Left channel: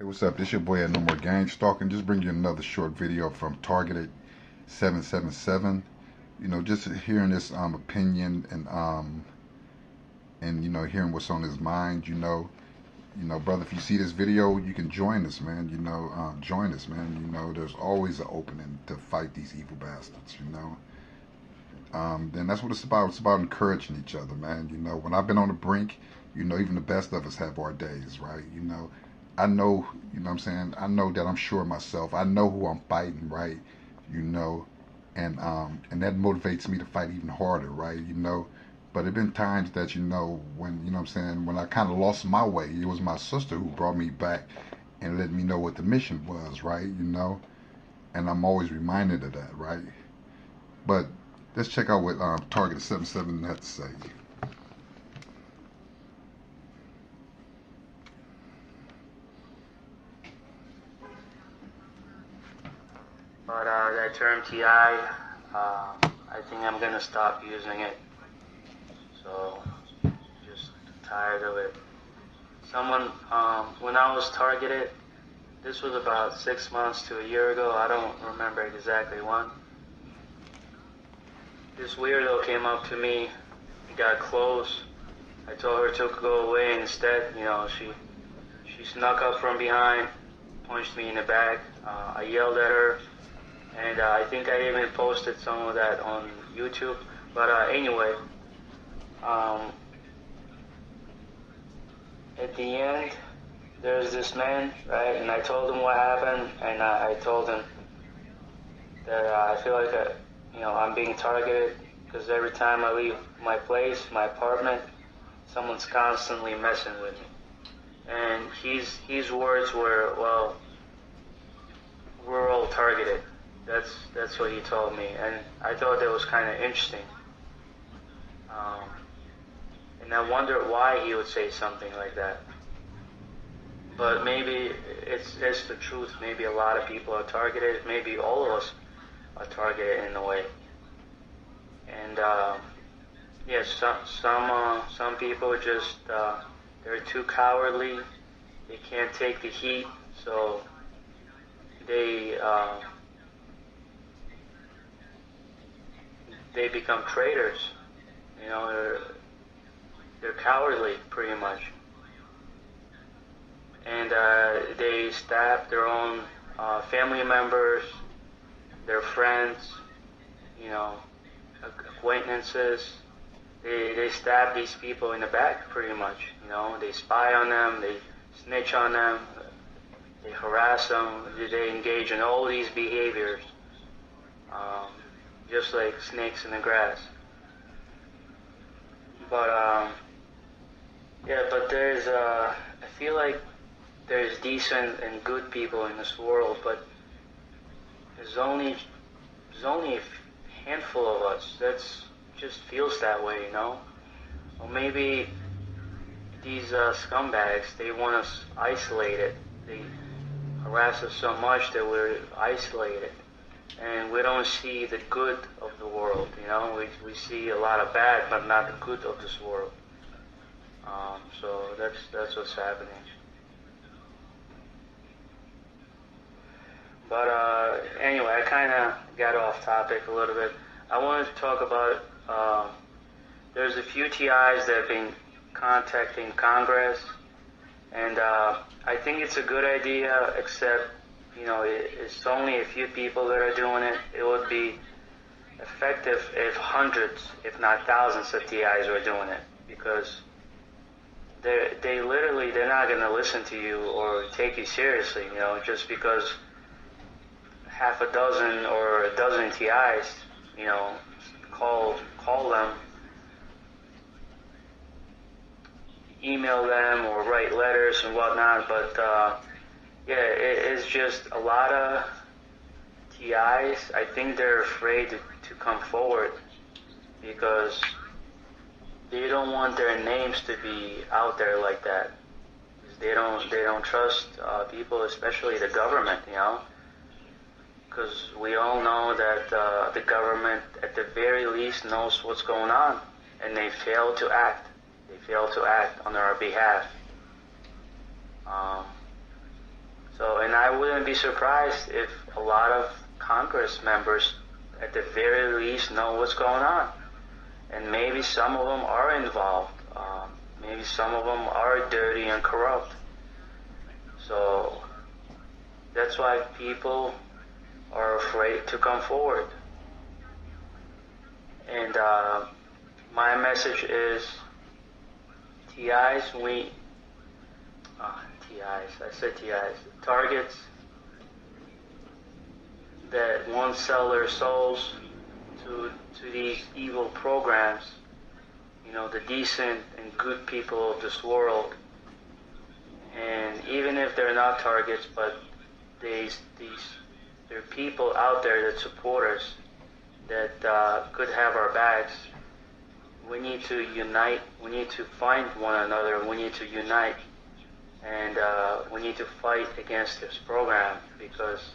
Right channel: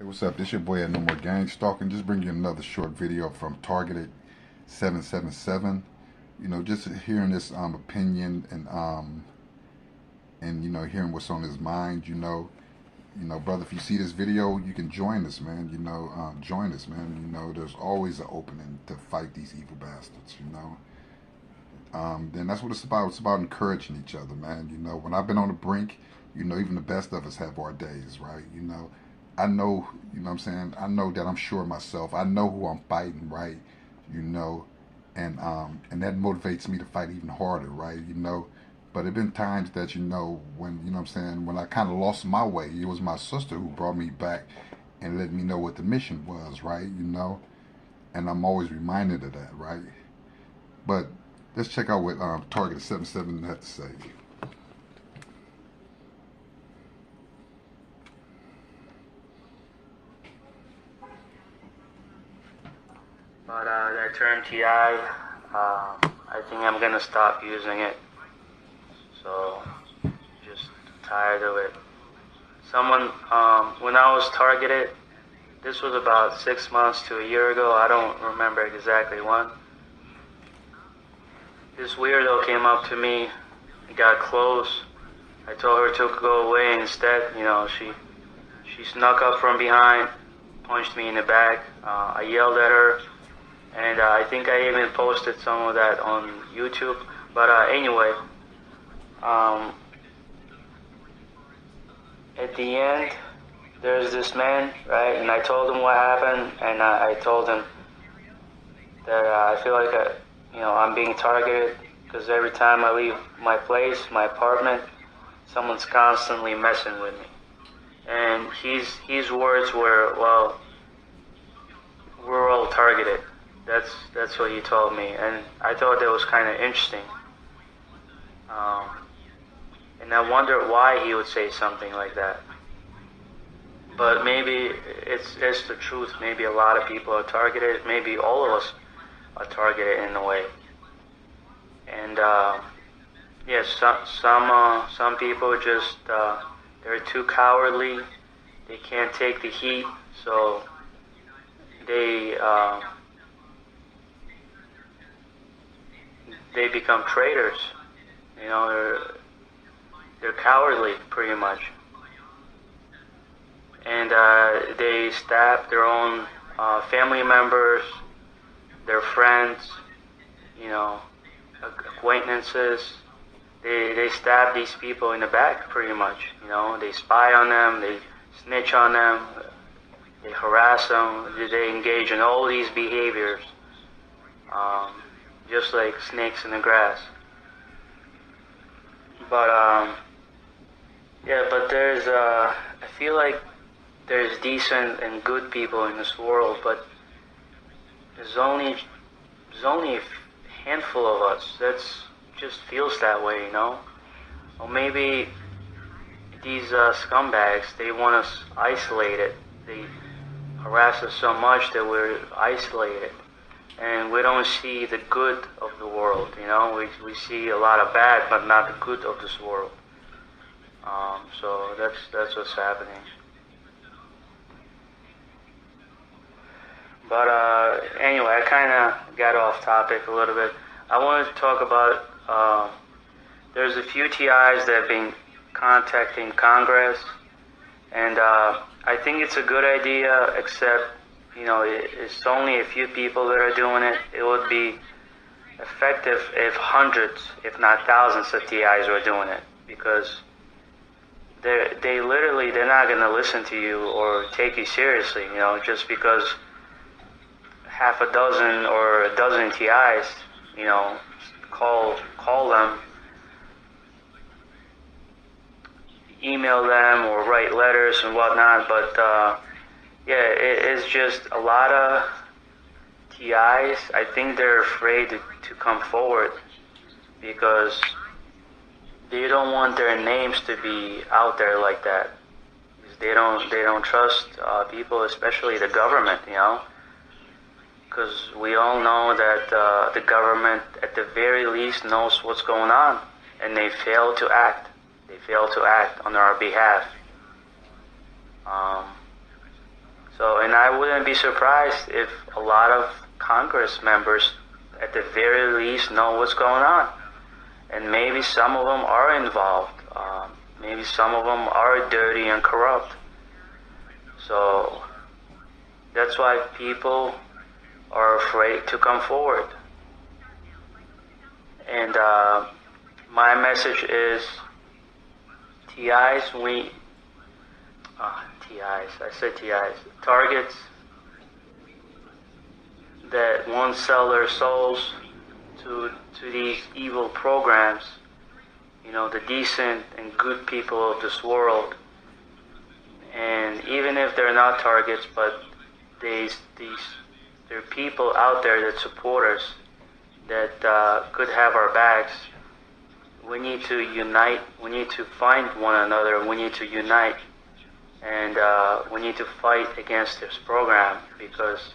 Hey, what's up? This your boy at No More Gang Stalking. Just bring you another short video from Targeted 777. Just hearing this opinion and hearing what's on his mind. Brother, if you see this video, you can join us, man. Join us, man. There's always an opening to fight these evil bastards. Then that's what it's about. It's about encouraging each other, man. When I've been on the brink, even the best of us have our days, right? I know, what I'm saying? I know that I'm sure of myself. I know who I'm fighting, right? You know, and that motivates me to fight even harder, right? But there been times that, when, what I'm saying, when I kind of lost my way, it was my sister who brought me back and let me know what the mission was, right? And I'm always reminded of that, right? But let's check out what Target 77 had to say. But that term TI, I think I'm gonna stop using it. So, just tired of it. When I was targeted, this was about 6 months to a year ago, I don't remember exactly when. This weirdo came up to me, he got close. I told her to go away instead. She snuck up from behind, punched me in the back. I yelled at her. And I think I even posted some of that on YouTube. But anyway, at the end, there's this man, right? And I told him what happened, and I told him that I feel like I'm being targeted because every time I leave my place, my apartment, someone's constantly messing with me. And his words were, "Well, we're all targeted." That's what he told me, and I thought that was kind of interesting. And I wondered why he would say something like that. But maybe it's the truth. Maybe a lot of people are targeted. Maybe all of us are targeted in a way. And yes, some people just they're too cowardly. They can't take the heat, so they become traitors. They're cowardly, pretty much. And they stab their own family members, their friends, acquaintances. They stab these people in the back, pretty much. They spy on them, they snitch on them, they harass them, they engage in all these behaviors. Just like snakes in the grass. But but I feel like there's decent and good people in this world, but there's only a handful of us. That's just feels that way, Or maybe these scumbags, they want us isolated. They harass us so much that we're isolated. And we don't see the good of the world, We see a lot of bad, but not the good of this world. So that's what's happening. But anyway, I kind of got off topic a little bit. I wanted to talk about, there's a few TIs that have been contacting Congress, and I think it's a good idea, except it's only a few people that are doing it. It would be effective if hundreds, if not thousands of TIs were doing it, because they're not going to listen to you or take you seriously, just because half a dozen or a dozen TIs, call them, email them or write letters and whatnot, but it's just a lot of TIs. I think they're afraid to come forward because they don't want their names to be out there like that. They don't trust people, especially the government, because we all know that the government, at the very least, knows what's going on, and they fail to act. They fail to act on our behalf. and I wouldn't be surprised if a lot of Congress members, at the very least, know what's going on. And maybe some of them are involved. Maybe some of them are dirty and corrupt. So that's why people are afraid to come forward. And my message is, targets that won't sell their souls to these evil programs, the decent and good people of this world. And even if they're not targets, but there are people out there that support us, that could have our backs. We need to unite. We need to find one another. We need to unite. And we need to fight against this program, because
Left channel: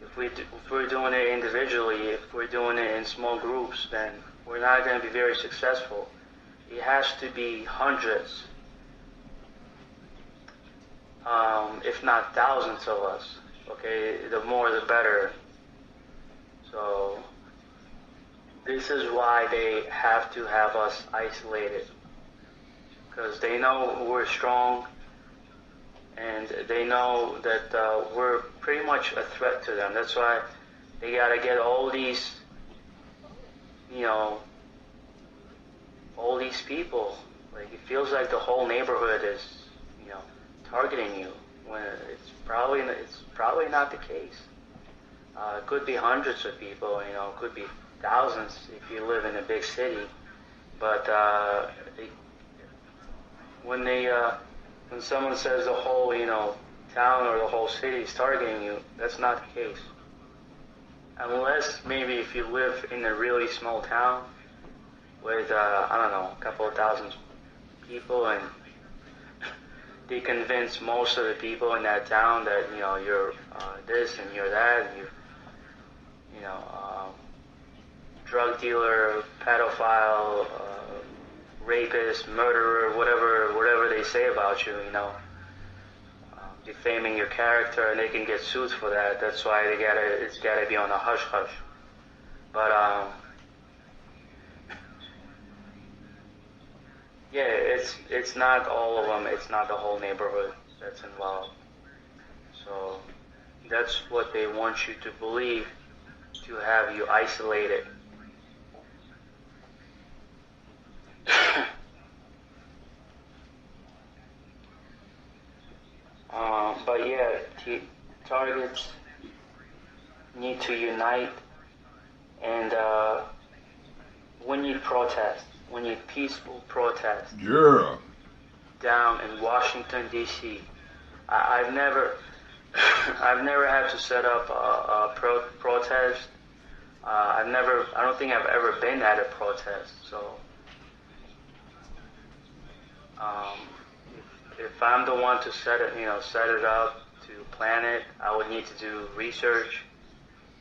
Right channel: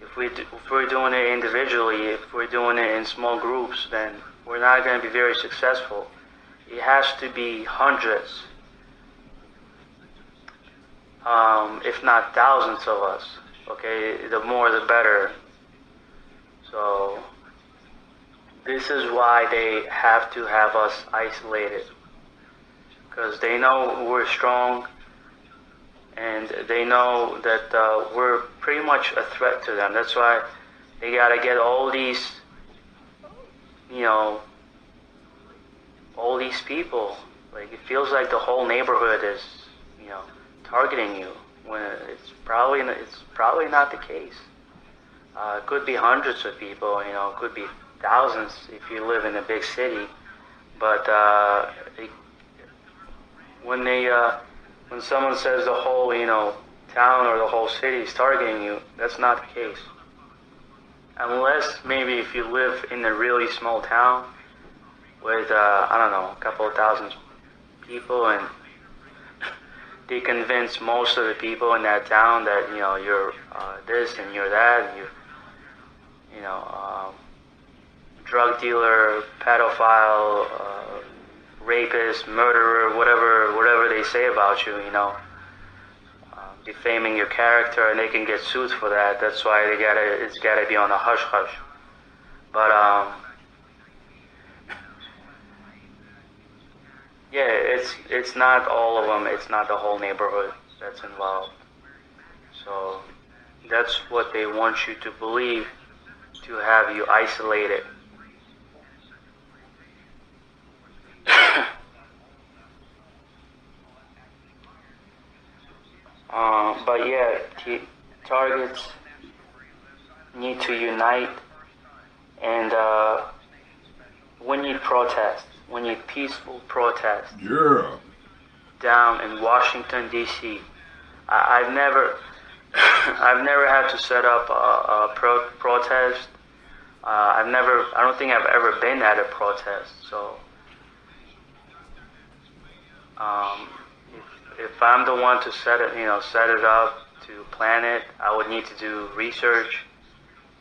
if we're doing it individually, if we're doing it in small groups, then we're not going to be very successful. It has to be hundreds, if not thousands of us. Okay, the more the better. So this is why they have to have us isolated, because they know we're strong, and they know that we're pretty much a threat to them. That's why they gotta get all these, all these people. Like, it feels like the whole neighborhood is, targeting you, when it's probably not the case. It could be hundreds of people, it could be thousands if you live in a big city. But when someone says the whole, town or the whole city is targeting you, that's not the case. Unless maybe if you live in a really small town with, a couple of thousand people, and they convince most of the people in that town that, you're this and you're that, and you're, drug dealer, pedophile, rapist, murderer, whatever they say about you, defaming your character, and they can get sued for that. That's why it's gotta be on a hush hush. But yeah, it's not all of them. It's not the whole neighborhood that's involved. So that's what they want you to believe, to have you isolated. But yeah, targets need to unite, and we need protest. We need peaceful protest. Yeah. Down in Washington, D.C. I've never had to set up a protest. I don't think I've ever been at a protest. So, if I'm the one to set it up, to plan it, I would need to do research,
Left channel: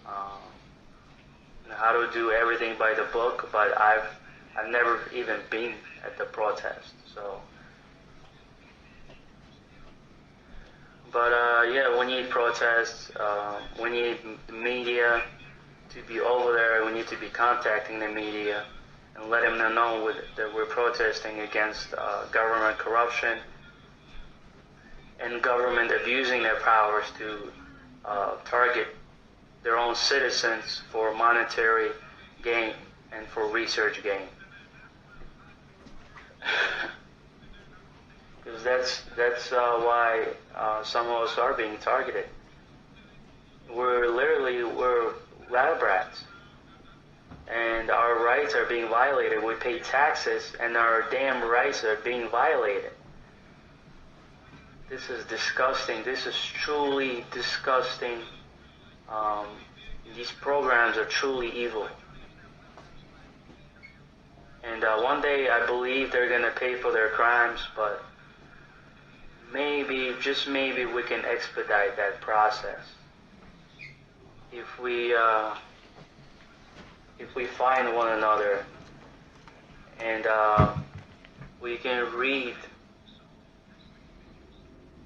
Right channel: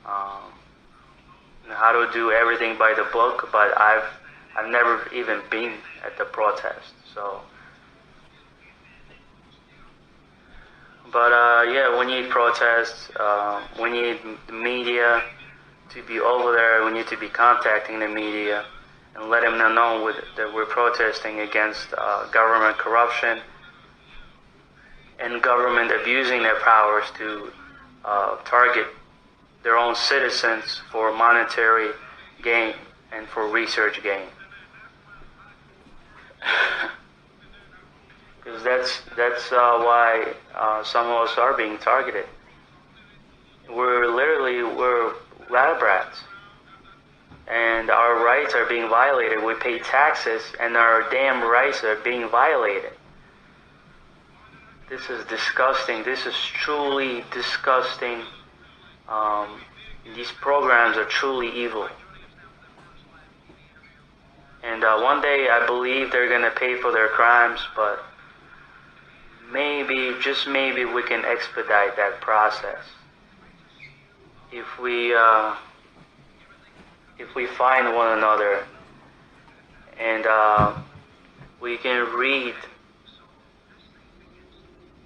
how to do everything by the book. But I've never even been at the protest. So, but yeah, we need protests. We need the media to be over there. We need to be contacting the media and let them know that we're protesting against government corruption and government abusing their powers to target their own citizens for monetary gain and for research gain. Because that's why some of us are being targeted. We're lab rats, and our rights are being violated. We pay taxes, and our damn rights are being violated. This is disgusting. This is truly disgusting. These programs are truly evil. And one day I believe they're going to pay for their crimes, but maybe, just maybe, we can expedite that process. If we find one another and we can read,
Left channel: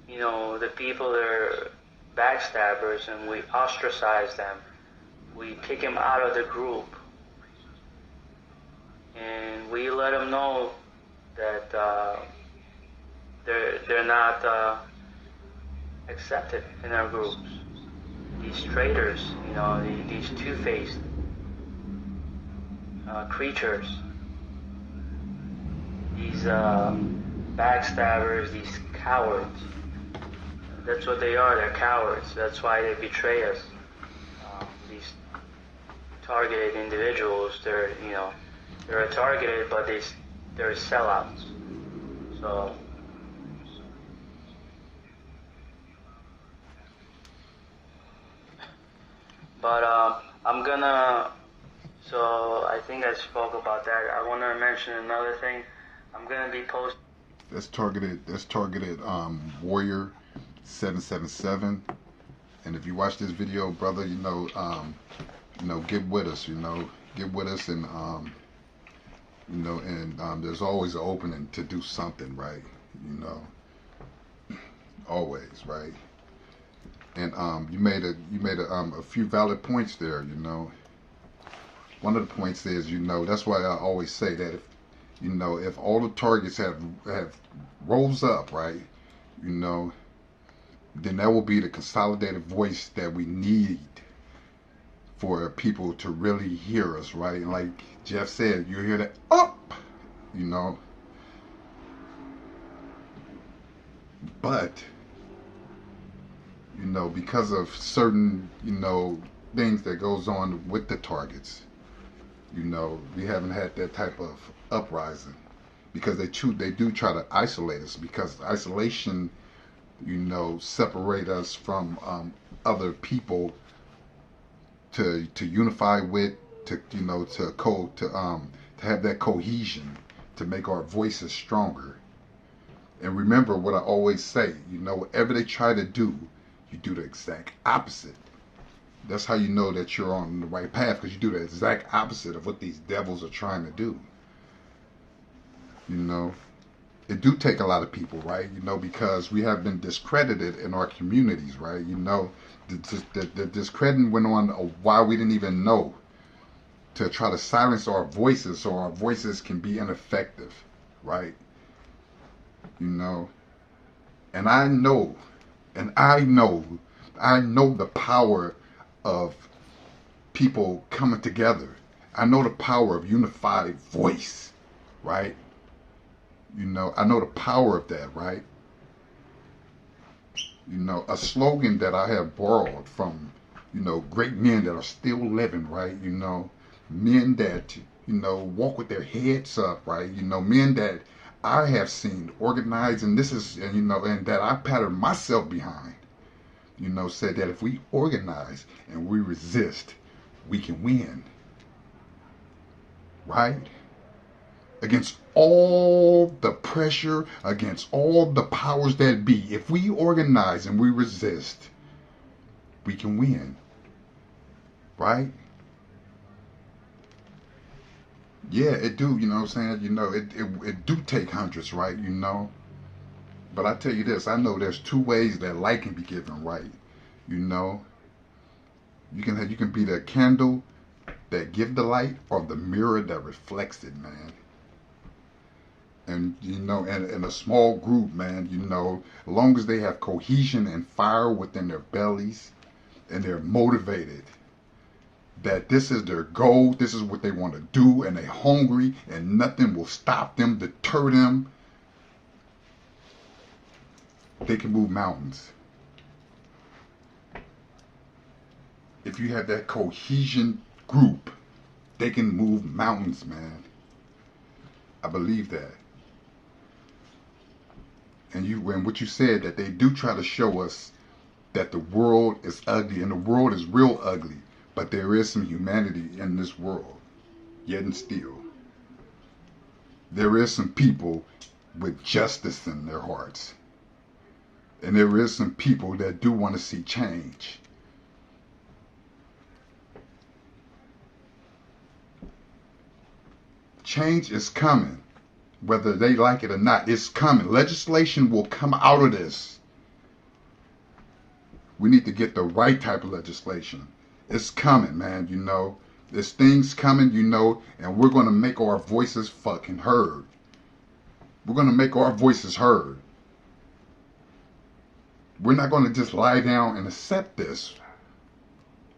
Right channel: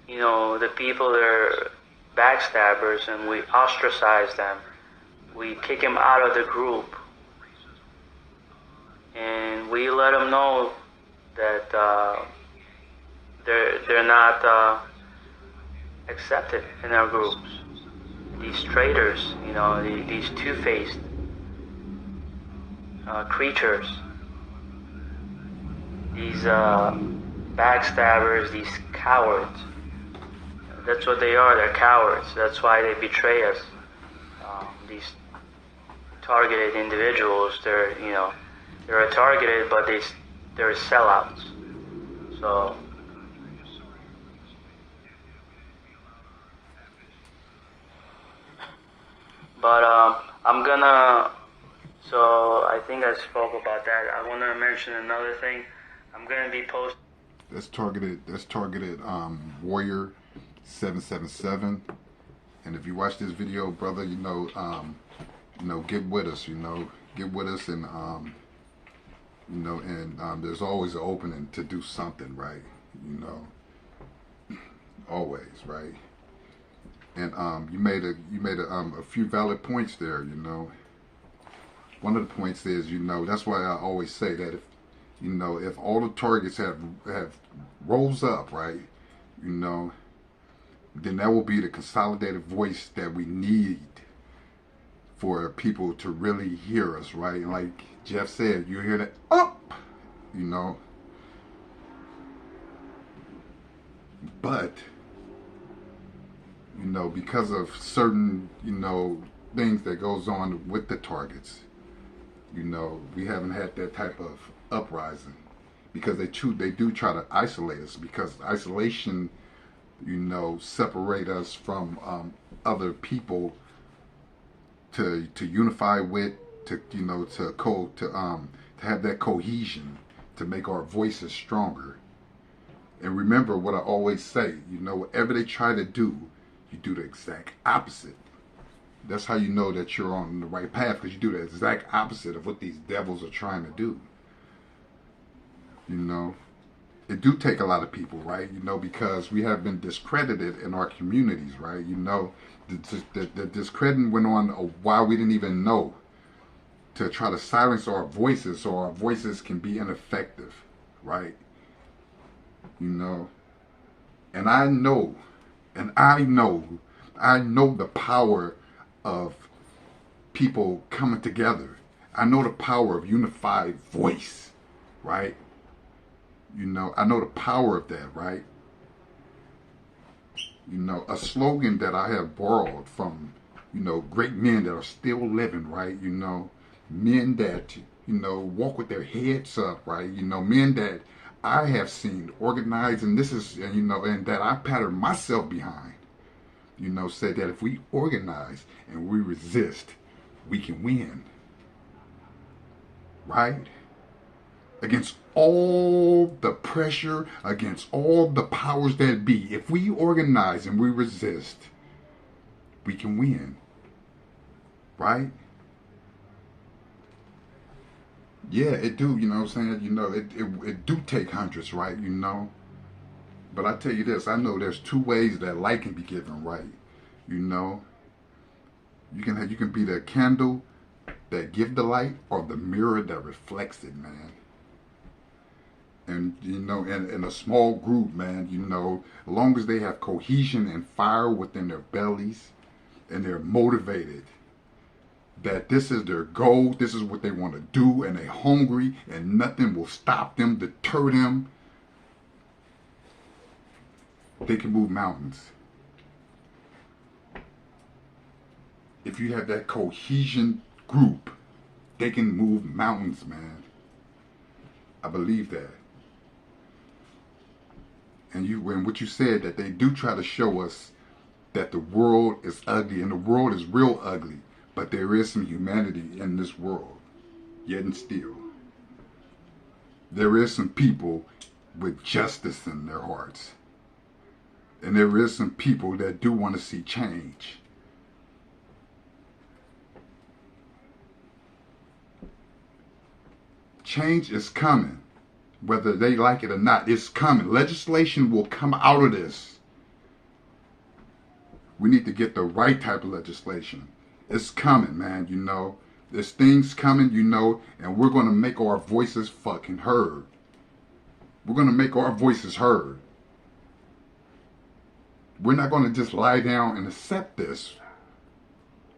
the people that are backstabbers and we ostracize them. We kick them out of the group. And we let them know that they're not accepted in our groups. These traitors, you know, these two-faced creatures, these backstabbers, these cowards. That's what they are. They're cowards. That's why they betray us. These targeted individuals, they're targeted, but they're sellouts. So but so I think I spoke about that. I want to mention another thing. I'm gonna be posting. That's targeted Warrior 777. And if you watch this video, brother, get with us. Get with us, and there's always an opening to do something, right? Always, right? And you made a few valid points there. One of the points is, that's why I always say that if all the targets have rose up, right, then that will be the consolidated voice that we need for people to really hear us, right? And like Jeff said, you hear that up, but because of certain things that goes on with the targets, we haven't had that type of uprising, because they do try to isolate us, because isolation separate us from other people to unify with, to have that cohesion, to make our voices stronger. And remember what I always say, whatever they try to do, you do the exact opposite. That's how you know that you're on the right path, because you do the exact opposite of what these devils are trying to do. It do take a lot of people, right? Because we have been discredited in our communities, right? The discrediting went on while we didn't even know, to try to silence our voices so our voices can be ineffective, right? And I know the power of people coming together. I know the power of unified voice, right? I know the power of that, right? A slogan that I have borrowed from, great men that are still living, right? Men that, walk with their heads up, right? Men that I have seen organized, and this is, and that I patterned myself behind, said that if we organize and we resist, we can win, right? Against all the pressure, against all the powers that be, if we organize and we resist, we can win, right? Yeah, it do, it do take hundreds, right, But I tell you this, I know there's two ways that light can be given, right? You can be the candle that give the light, or the mirror that reflects it, man. And in a small group, man, as long as they have cohesion and fire within their bellies, and they're motivated, that this is their goal, this is what they want to do, and they're hungry, and nothing will stop them, deter them, they can move mountains. If you have that cohesion group, they can move mountains, man. I believe that. And what you said, that they do try to show us that the world is ugly, and the world is real ugly, but there is some humanity in this world, yet and still. There is some people with justice in their hearts. And there is some people that do want to see change. Change is coming. Whether they like it or not, it's coming. Legislation will come out of this. We need to get the right type of legislation. It's coming, man, you know. There's things coming, you know, and we're going to make our voices fucking heard. We're going to make our voices heard. We're not going to just lie down and accept this.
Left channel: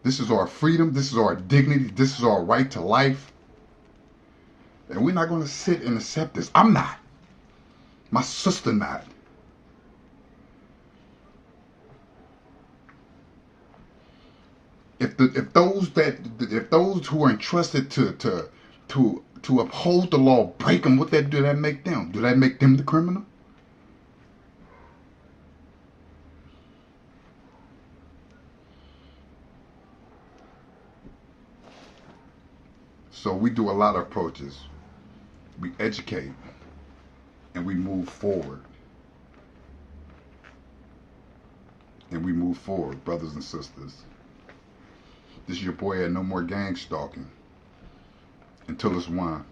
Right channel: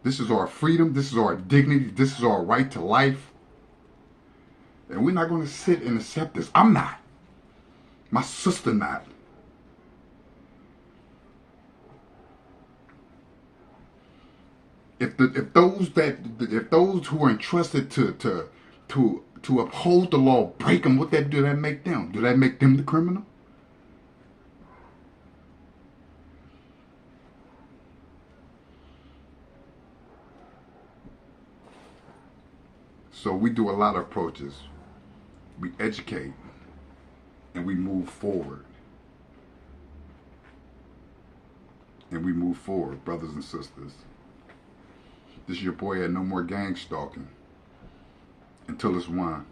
This is our freedom. This is our dignity. This is our right to life. And we're not going to sit and accept this. I'm not. My sister not. If those who are entrusted to uphold the law break them, what do that make them? Do that make them the criminal? So we do a lot of approaches. We educate and we move forward. And we move forward, brothers and sisters. This is your boy at No More Gang Stalking. Until it's one.